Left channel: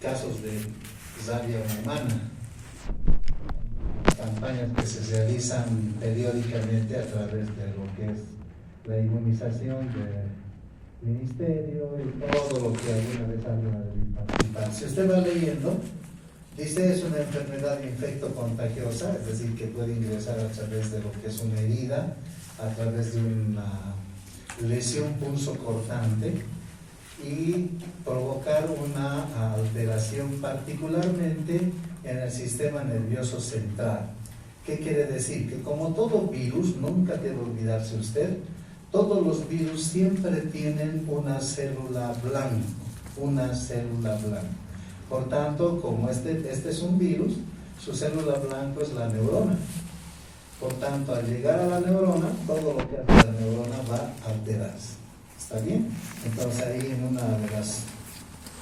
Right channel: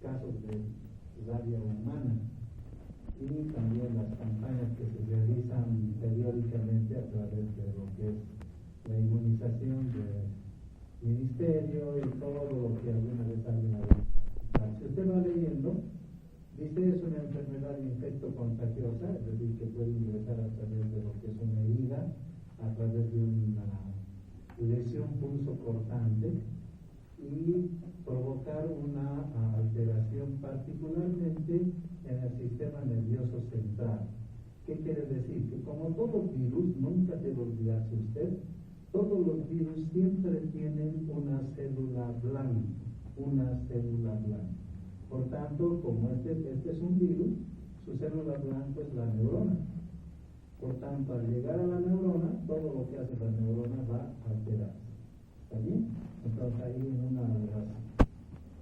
casos de rabia humana y también las campañas que se realizan periódicamente a través de lo que es la inmunización del ministerio y todo lo que alguna vez alguien ha participado. Si usted va leyendo, dice es una enfermedad infecto-contagiosa, es decir, que puede ingresar a través de lo que es una herida, a través de una lesión pulso cortante y provocar una alteración particularmente en el sistema nervioso central. ¿Qué quiere decir? Que como todo virus, nunca debe olvidarse usted, todos los virus siempre tienen una célula blanca, una célula blanca. Por tanto, como este es un virus, su célula blanca es la neurona. Por tanto, al llegar a la neurona, todo lo que hace la neurona va a alterarse. ¿Está bien? Entonces ahí en una de las...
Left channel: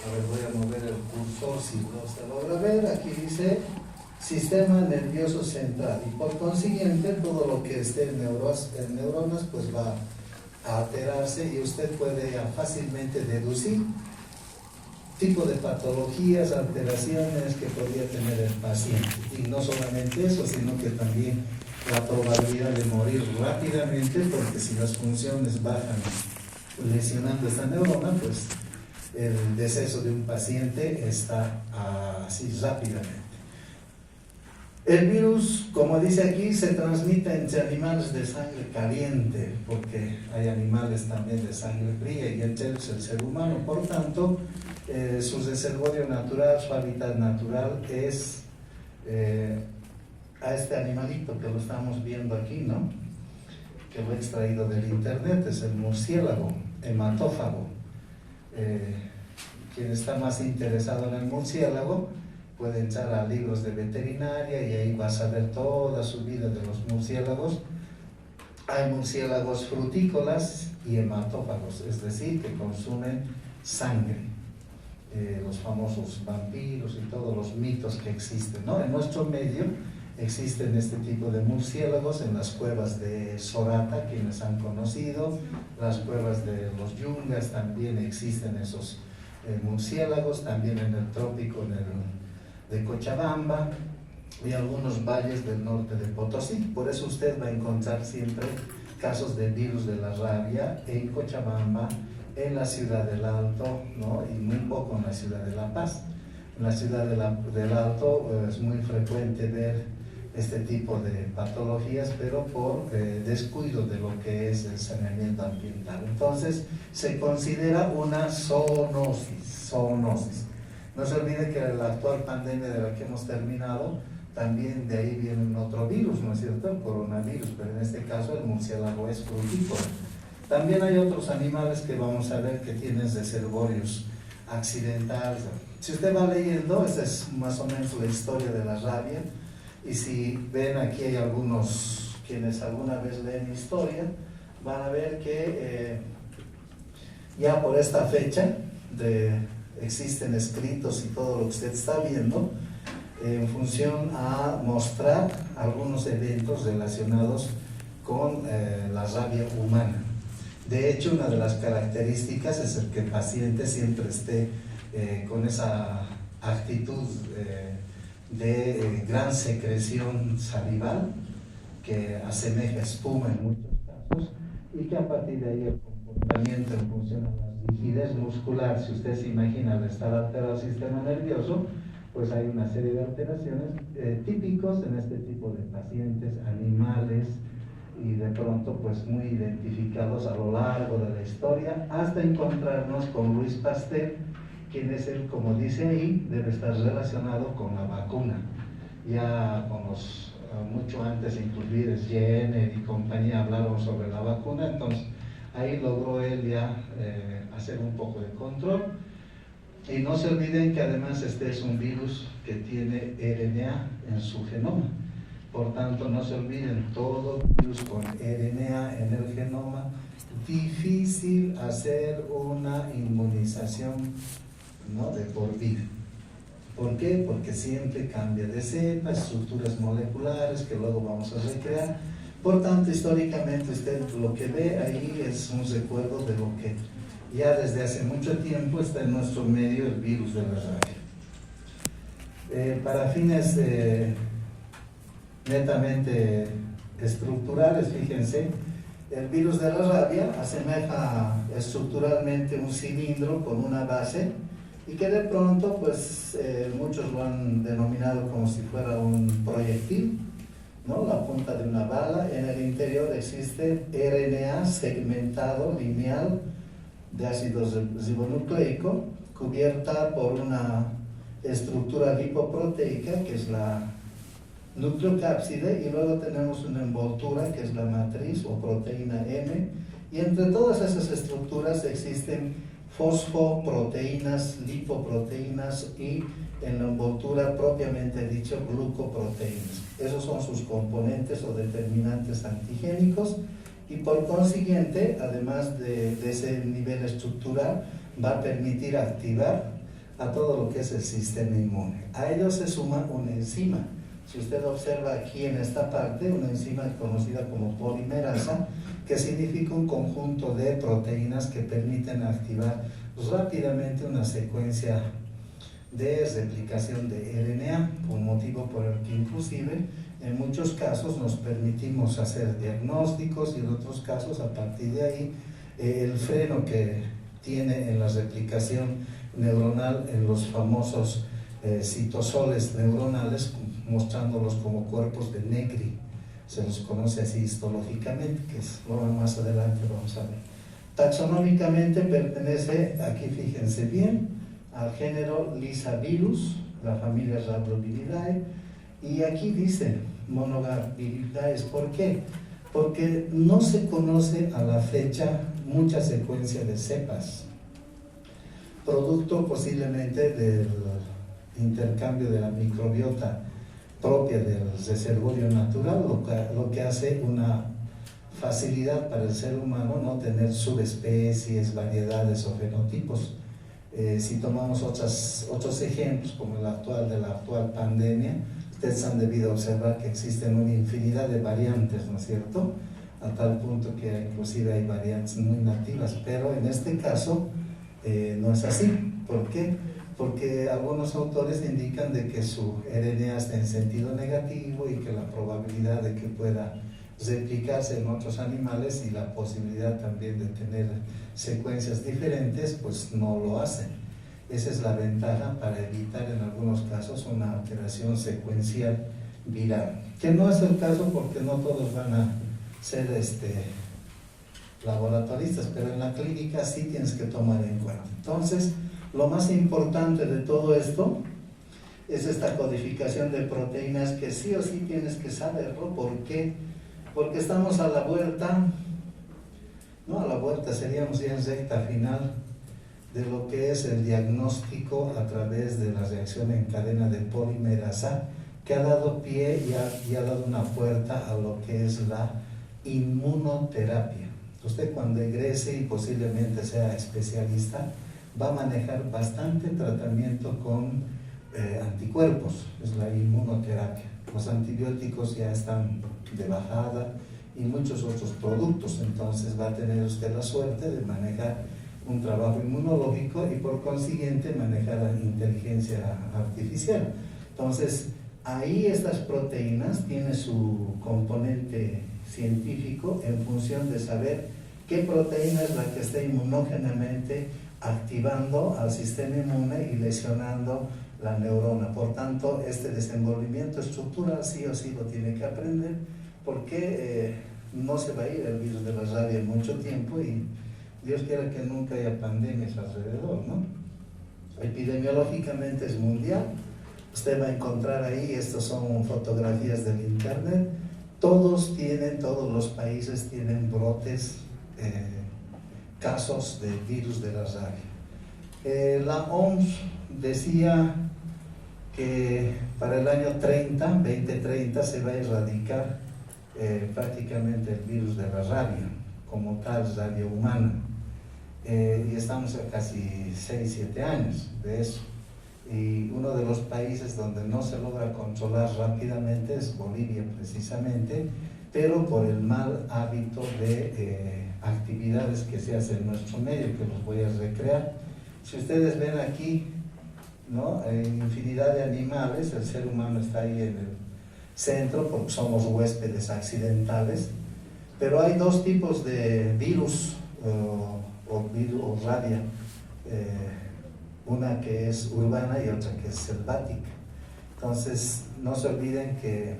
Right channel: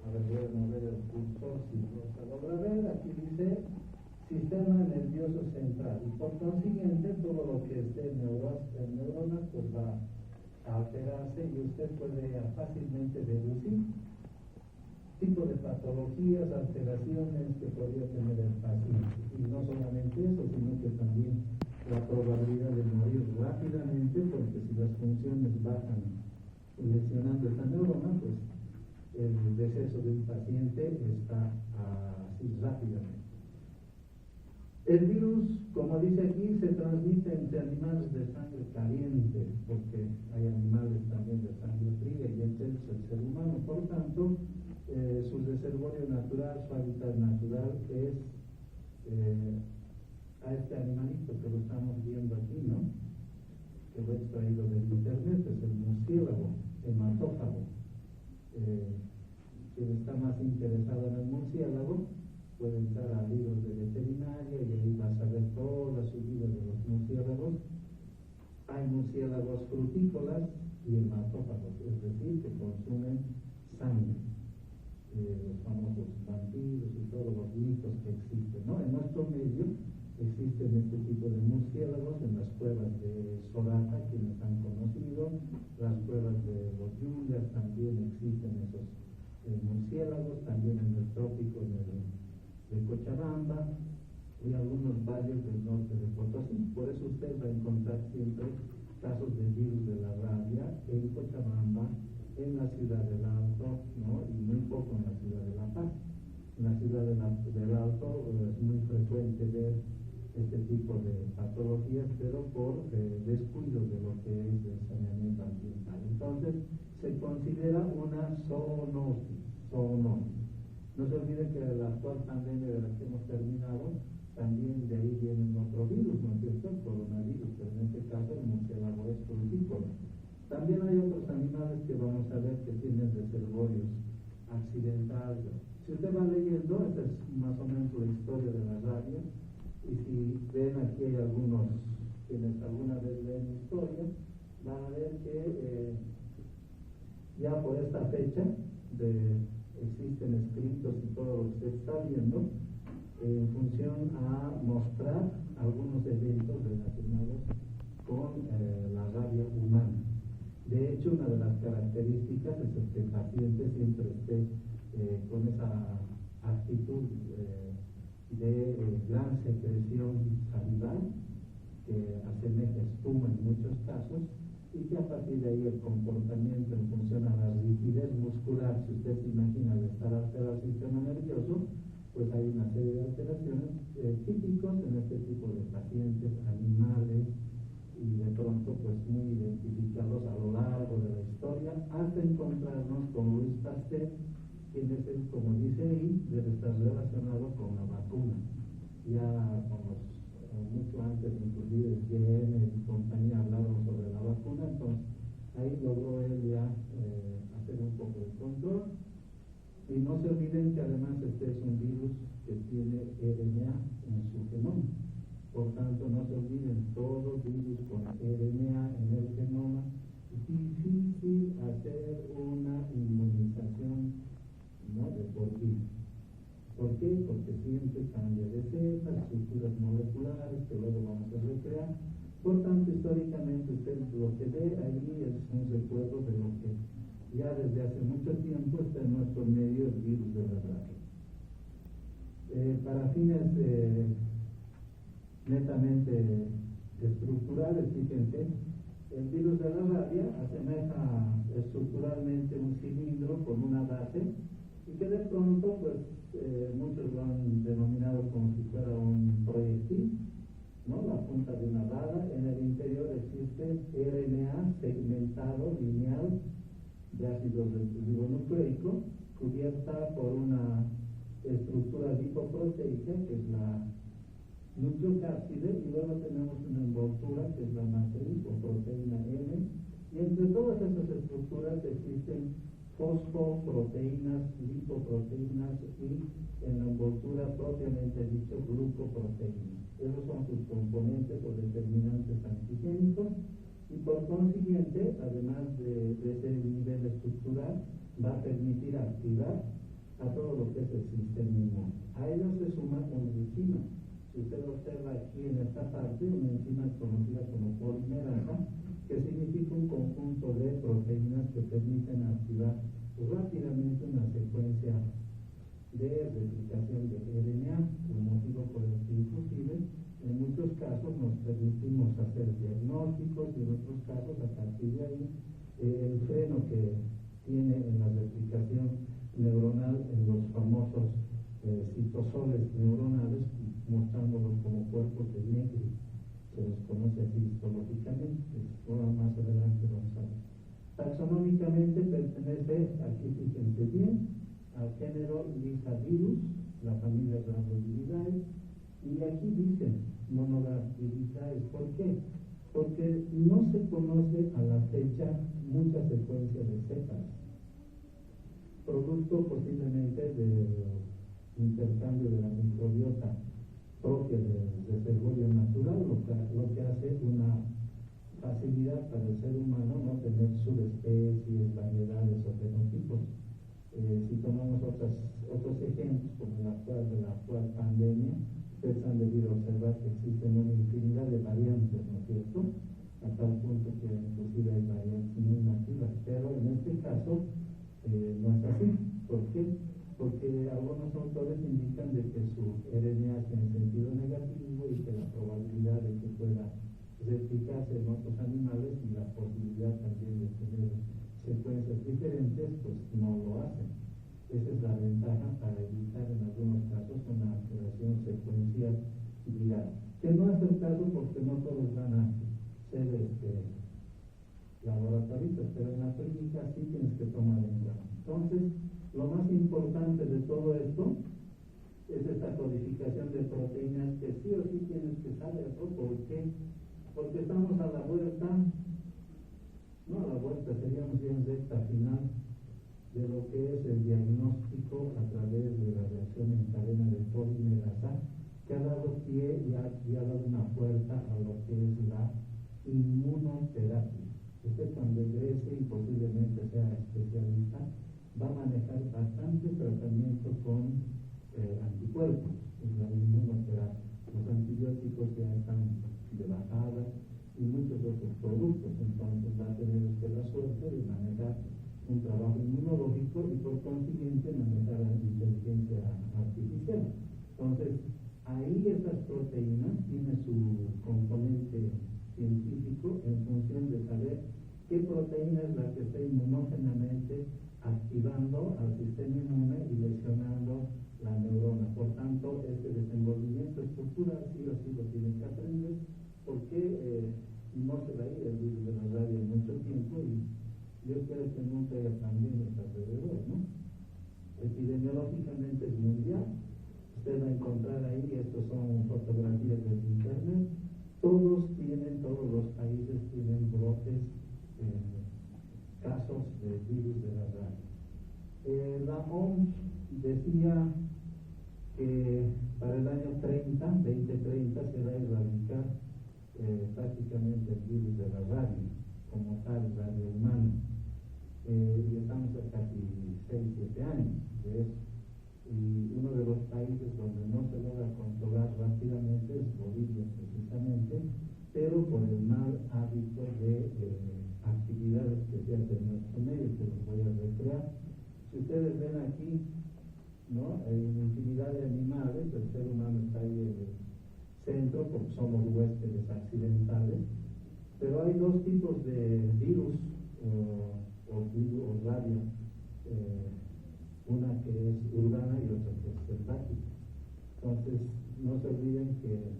A ver, voy a mover el cursor si no se logra ver. Aquí dice sistema nervioso central. Y por consiguiente, todo lo que esté en neuronas pues va a alterarse y usted puede fácilmente deducir tipo de patologías, alteraciones que podría tener el paciente. Y no solamente eso, sino que también la probabilidad de morir rápidamente, porque si las funciones bajan lesionando esta neurona, pues el deceso de un paciente está así rápidamente. El virus, como dice aquí, se transmite entre animales de sangre caliente, porque hay animales también de sangre fría y entre ellos el ser humano. Por tanto, su reservorio natural, su hábitat natural es a este animalito que lo estamos viendo aquí, ¿no? Que lo he extraído del internet, es el murciélago hematófago. Quien está más interesado en el murciélago puede entrar a libros de veterinaria y ahí va a saber toda su vida de los murciélagos. Hay murciélagos frutícolas y hematófagos, es decir, que consumen sangre. Los famosos vampiros y todos los mitos que existen, ¿no? En nuestro medio existen este tipo de murciélagos en las cuevas de Sorata, quienes han conocido, las cuevas de los Yungas también existen esos murciélagos, también en el trópico de Cochabamba y algunos valles del norte de Potosí. Por eso usted va a encontrar siempre casos de virus de la rabia en Cochabamba, en la ciudad del Alto, ¿no? Y muy poco en la ciudad de La Paz. En la ciudad del Alto es muy frecuente ver este tipo de patologías, pero por descuido de lo que es el saneamiento ambiental. Entonces, se considera una zoonosis. No se olvide que la actual pandemia de la que hemos terminado, también de ahí viene otro virus, ¿no es cierto? El coronavirus, pero en este caso el murciélago es frutícola. También hay otros animales que vamos a ver que tienen reservorios accidentales. Si usted va leyendo, esta es más o menos la historia de la rabia, y si ven aquí hay algunos quienes alguna vez leen historia, van a ver que ya por esta fecha existen escritos y todo lo que usted está viendo en función a mostrar algunos eventos relacionados con la rabia humana. De hecho, una de las características es el que el paciente siempre esté con esa actitud de gran secreción salival que asemeja espuma en muchos casos y que a partir de ahí el comportamiento en función a la rigidez muscular, si usted se imagina al estar alterado el sistema nervioso, pues hay una serie de alteraciones típicos en este tipo de pacientes, animales, y de pronto pues muy identificados a lo largo de la historia, hasta encontrarnos con Luis Pasteur, quien es él, como dice ahí, debe estar relacionado con la vacuna. Ya con mucho antes, inclusive Jenner y compañía hablaron sobre la vacuna, entonces ahí logró él ya hacer un poco de control. Y no se olviden que además este es un virus que tiene RNA en su genoma. Por tanto, no se olviden, todo virus con RNA en el genoma, difícil hacer una inmunización, ¿no?, de por vida. ¿Por qué? Porque siempre cambia de cepa, estructuras moleculares que luego vamos a recrear. Por tanto, históricamente usted lo que ve ahí es un recuerdo de lo que ya desde hace mucho tiempo está en nuestro medio, el virus de la rabia. Para fines netamente estructurales, fíjense, el virus de la rabia asemeja estructuralmente un cilindro con una base y que de pronto, pues muchos lo han denominado como si fuera un proyectil, ¿no? La punta de una bala. En el interior existe RNA segmentado, lineal, de ácido ribonucleico, cubierta por una estructura lipoproteica, que es la nucleocápside, y luego tenemos una envoltura, que es la matriz o proteína M, y entre todas esas estructuras existen fosfoproteínas, lipoproteínas y en la envoltura propiamente dicho glucoproteínas. Esos son sus componentes o determinantes antigénicos y por consiguiente, además de ese nivel estructural, va a permitir activar a todo lo que es el sistema inmune. A ello se suma una enzima. Si usted observa aquí en esta parte, una enzima conocida como polimerasa, que significa un conjunto de proteínas que permiten activar rápidamente una secuencia de replicación de RNA, un motivo por el que inclusive en muchos casos nos permitimos hacer diagnósticos y en otros casos a partir de ahí el freno que tiene en la replicación neuronal en los famosos citosoles neuronales, mostrándolos como cuerpos de Negri. Se los conoce así histológicamente, que es lo más adelante vamos a ver. Taxonómicamente pertenece, aquí fíjense bien, al género Lysavirus, la familia Rhabdoviridae, y aquí dice Monogarviridae. ¿Por qué? Porque no se conoce a la fecha mucha secuencia de cepas, producto posiblemente del intercambio de la microbiota propia del reservorio natural, lo que hace una facilidad para el ser humano no tener subespecies, variedades o fenotipos. Si tomamos otros ejemplos, como el actual de la actual pandemia, ustedes han debido observar que existen una infinidad de variantes, ¿no es cierto? A tal punto que inclusive hay variantes muy nativas, pero en este caso no es así. ¿Por qué? Porque algunos autores indican de que su RNA está en sentido negativo y que la probabilidad de que pueda replicarse en otros animales y la posibilidad también de tener secuencias diferentes, pues no lo hacen. Esa es la ventaja para evitar en algunos casos una alteración secuencial viral, que no es el caso porque no todos van a ser laboratoristas, pero en la clínica sí tienes que tomar en cuenta. Entonces, lo más importante de todo esto es esta codificación de proteínas que sí o sí tienes que saberlo. ¿Por qué? Porque estamos a la vuelta, no a la vuelta, seríamos ya en recta final de lo que es el diagnóstico a través de la reacción en cadena de polimerasa, que ha dado pie y ha dado una puerta a lo que es la inmunoterapia. Usted cuando egrese y posiblemente sea especialista, va a manejar bastante tratamiento con anticuerpos, es la inmunoterapia. Los antibióticos ya están de bajada y muchos otros productos, entonces va a tener usted la suerte de manejar un trabajo inmunológico y por consiguiente manejar la inteligencia artificial. Entonces, ahí estas proteínas tienen su componente científico en función de saber qué proteína es la que está inmunogénamente activando al sistema inmune y lesionando la neurona. Por tanto, este desenvolvimiento estructural sí o sí lo tiene que aprender, porque no se va a ir el virus de la rabia en mucho tiempo y Dios quiera que nunca haya pandemias alrededor, ¿no? Epidemiológicamente es mundial. Usted va a encontrar ahí, estas son fotografías del internet, todos los países tienen brotes, casos de virus de la rabia. La OMS decía que para el año 2030 se va a erradicar prácticamente el virus de la rabia, como tal, rabia humana. Y estamos a casi 6-7 años de eso. Y uno de los países donde no se logra controlar rápidamente es Bolivia, precisamente, pero por el mal hábito de actividades que se hacen en nuestro medio, que los voy a recrear. Si ustedes ven aquí ¿no? Hay infinidad de animales, el ser humano está ahí en el centro porque somos huéspedes accidentales, pero hay dos tipos de virus o rabia, una que es urbana y otra que es selvática. Entonces, no se olviden que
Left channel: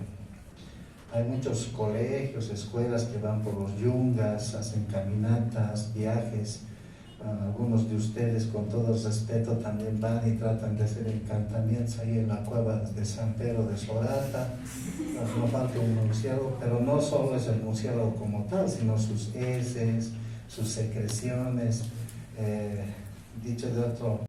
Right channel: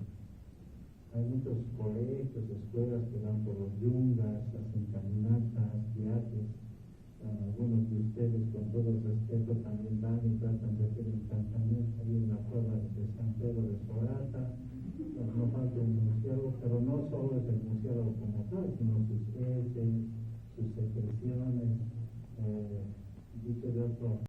hay muchos colegios, escuelas que van por los yungas, hacen caminatas, viajes. Algunos de ustedes, con todo respeto, también van y tratan de hacer encantamientos ahí en la cueva de San Pedro de Sorata. No falta un murciélago, pero no solo es el murciélago como tal, sino sus heces, sus secreciones. Dicho de otro